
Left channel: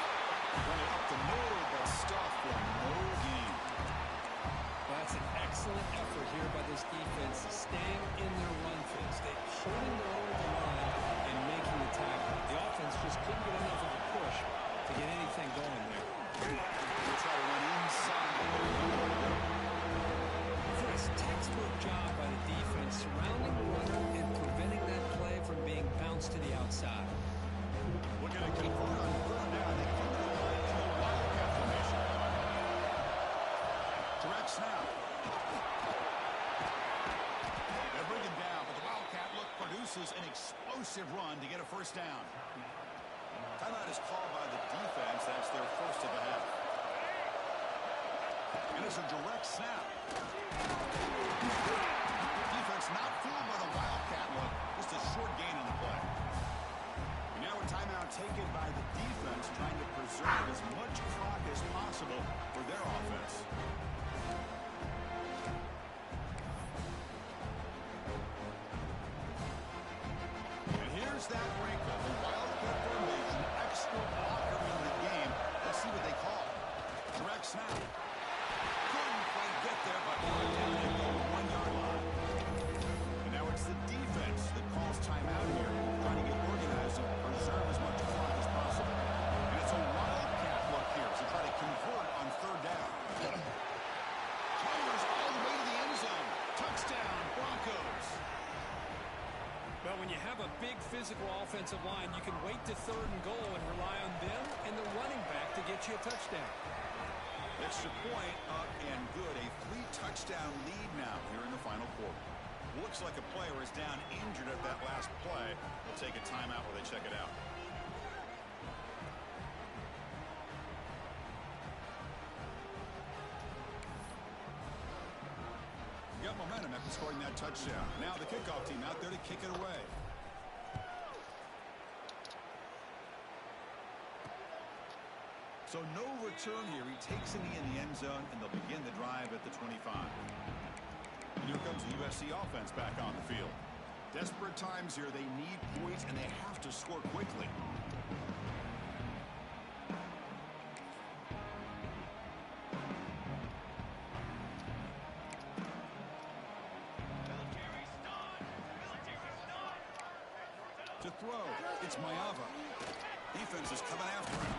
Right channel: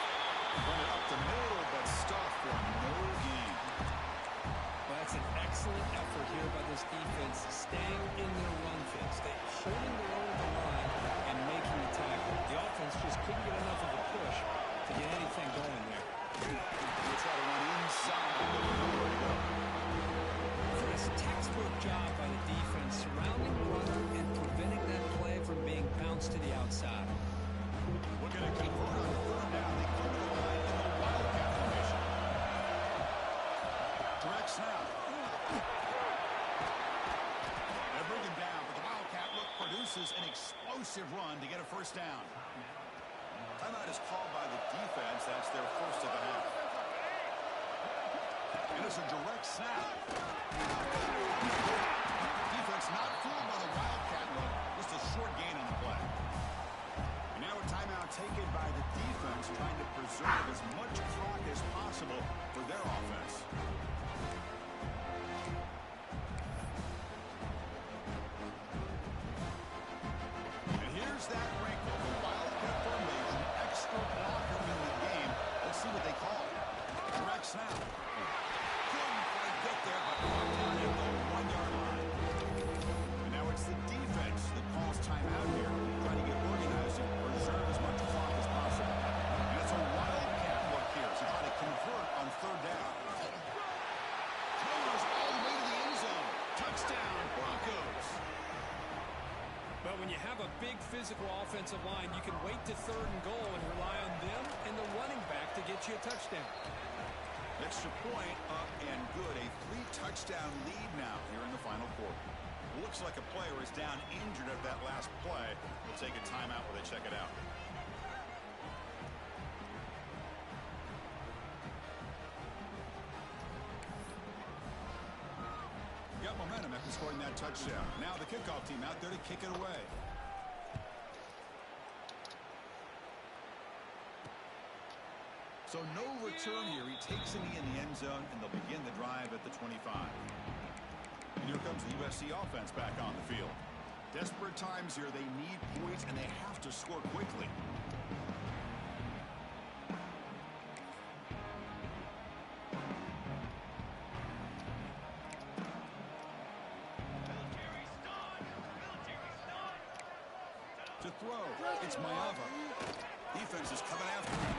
Run it up the middle, but stuffed for no gain. Well, that's an excellent effort here by this defense, staying in their run fix. They're holding their own at the line and making the tackle. The offense just couldn't get enough of a push to get anything going there. We'll try to run inside, but nowhere to go. Chris, textbook job by the defense, surrounding the runner and preventing that play from being bounced to the outside. Looking to convert on third down. They come to the line in the wildcat formation. Direct snap. They bring him down, but the Wildcat look produces an explosive run to get a first down. Timeout is called by the defense. That's their first of the half. And it's a direct snap. Defense not fooled by the Wildcat look. Just a short gain on the play. And now a timeout taken by the defense, trying to preserve as much clock as possible for their offense. And here's that wrinkle. The Wildcat formation, extra blocker in the game. Let's see what they call it. Direct snap. Couldn't quite get there, but brought down at the 1-yard line. And now it's the defense that calls timeout here, trying to get organized and preserve as much clock as possible. And it's a Wildcat look here as they try to convert on third down. Powers all the way to the end zone. Touchdown, Broncos. Well, when you have a big physical offensive line, you can wait to third and goal and rely on them and the running back to get you a touchdown. Extra point up and good. A 3-touchdown lead now here in the final quarter. Looks like a player is down injured at that last play. We'll take a timeout while they check it out. Got momentum after scoring that touchdown. Now the kickoff team out there to kick it away. So no return here. He takes it in the end zone, and they'll begin the drive at the 25. And here comes the USC offense back on the field. Desperate times here. They need points, and they have to score quickly. To throw, it's Mayava. Defense is coming after him.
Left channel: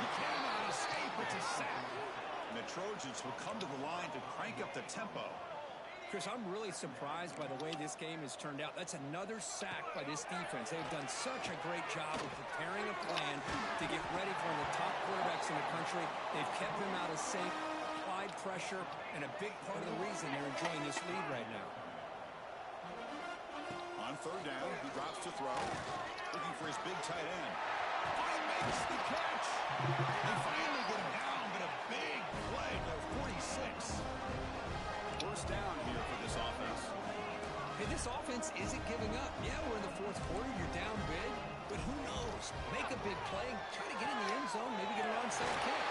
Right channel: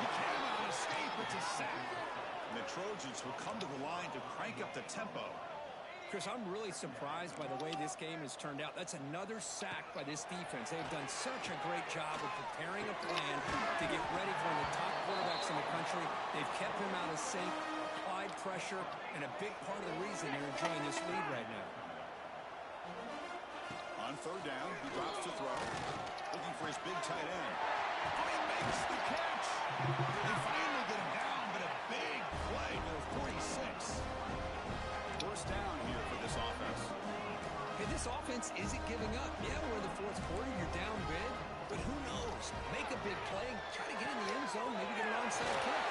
He cannot escape. It's a sack. And the Trojans will come to the line to crank up the tempo. Chris, I'm really surprised by the way this game has turned out. That's another sack by this defense. They've done such a great job of preparing a plan to get ready for one of the top quarterbacks in the country. They've kept him out of sync, applied pressure, and a big part of the reason they're enjoying this lead right now. On third down, he drops to throw. Looking for his big tight end. Oh, he makes the catch. They finally get him down, but a big play to 46. First down here for this offense. Hey, this offense isn't giving up. Yeah, we're in the fourth quarter. You're down big. But who knows? Make a big play. Try to get in the end zone. Maybe get an onside kick.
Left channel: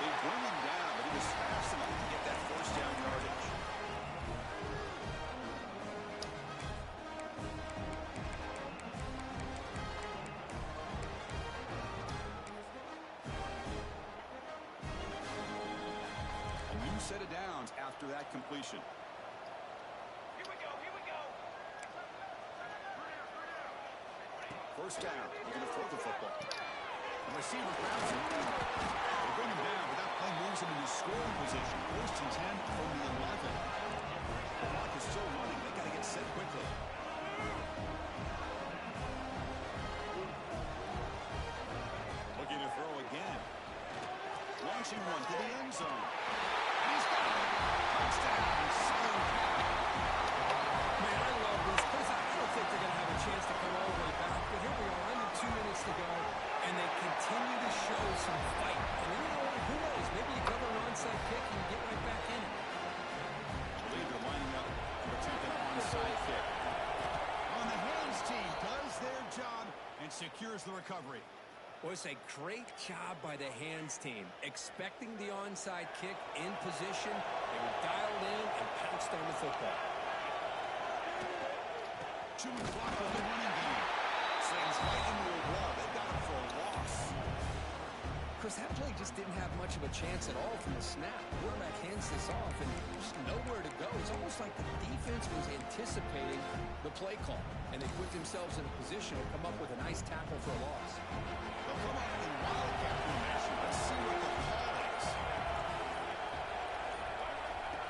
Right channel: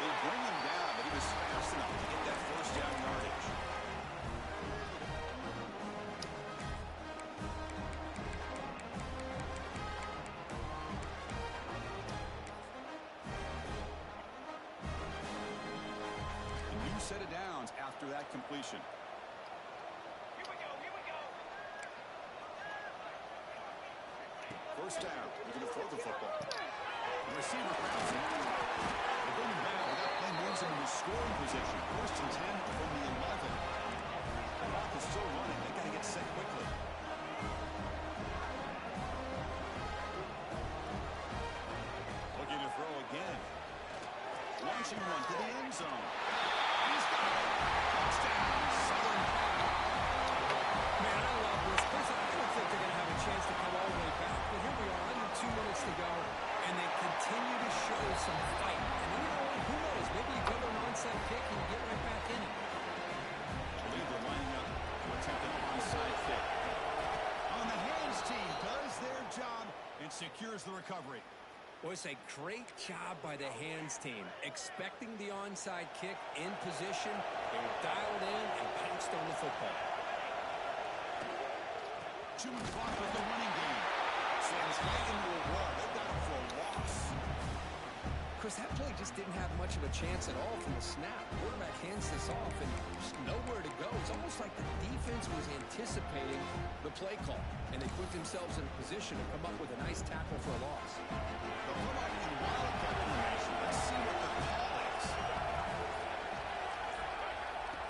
They bring him down, but he was fast enough to get that first down yardage. Set of downs after that completion. Here we go, here we go. First down. Looking to throw the football. The receiver grabs it. They bring him down, but that play moves him into scoring position. First and 10 from the 11. The clock is still running. They got to get set quickly. Looking to throw again. Launching one to the end zone. He's got it. Touchdown, Southern Cal. Man, I love this. Chris, I don't think they're going to have a chance to come all the way back, but here we are, under 2 minutes to go, and they continue to show some fight. And then, you know what? Who knows? Maybe you cover an onside kick and you get right back in it. I believe they're lining up to attempt an onside kick. On the hands team does their job and secures the recovery. Well, it's a great job by the hands team. Expecting the onside kick in position, they were dialed in and pounced on the football. Chewing clock with the running game. Slams right into a wall. They got him for a loss. Chris, that play just didn't have much of a chance at all from the snap. Quarterback hands this off and just nowhere to go. It's almost like the defense was anticipating the play call, and they put themselves in a position to come up with a nice tackle for a loss. They'll come up in wildcat formation. Let's see what the call is.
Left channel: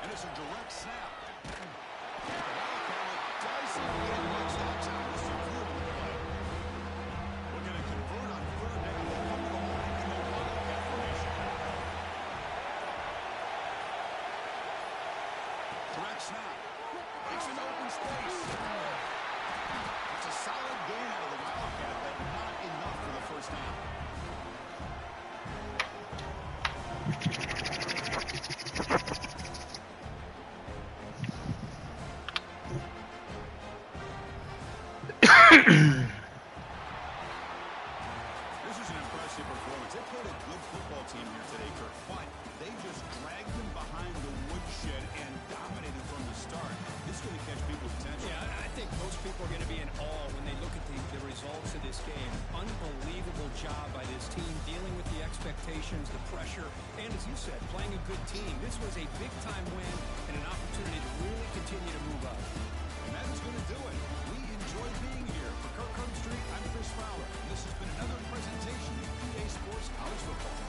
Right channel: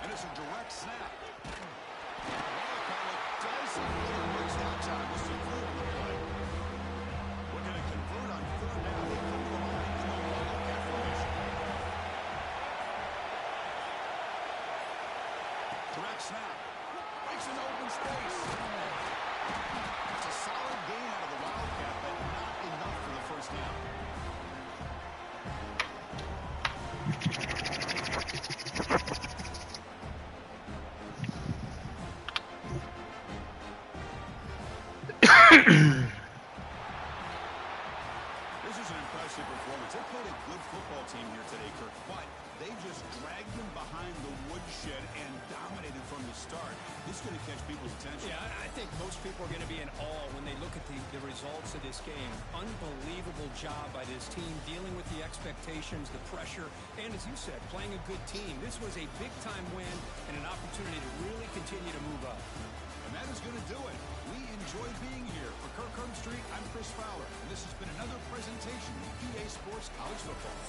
And it's a direct snap. The wildcat doesn't get much that time. Just a few on the play. Looking to convert on third down. They come to the line in the wildcat formation. Direct snap. Breaks into open space. That's a solid gain out of the Wildcat, but not enough for the first down. This is an impressive performance. They played a good football team here today, Kirk, but they just dragged them behind the woodshed and dominated from the start. This is going to catch people's attention. Yeah, I think most people are going to be in awe when they look at the results of this game. Unbelievable job by this team dealing with the expectations, the pressure, and as you said, playing a good team. This was a big-time win and an opportunity to really continue to move up. And that is going to do it. We enjoyed being here. For Kirk Herbstreit, I'm Chris Fowler, and this has been another presentation of EA Sports College Football.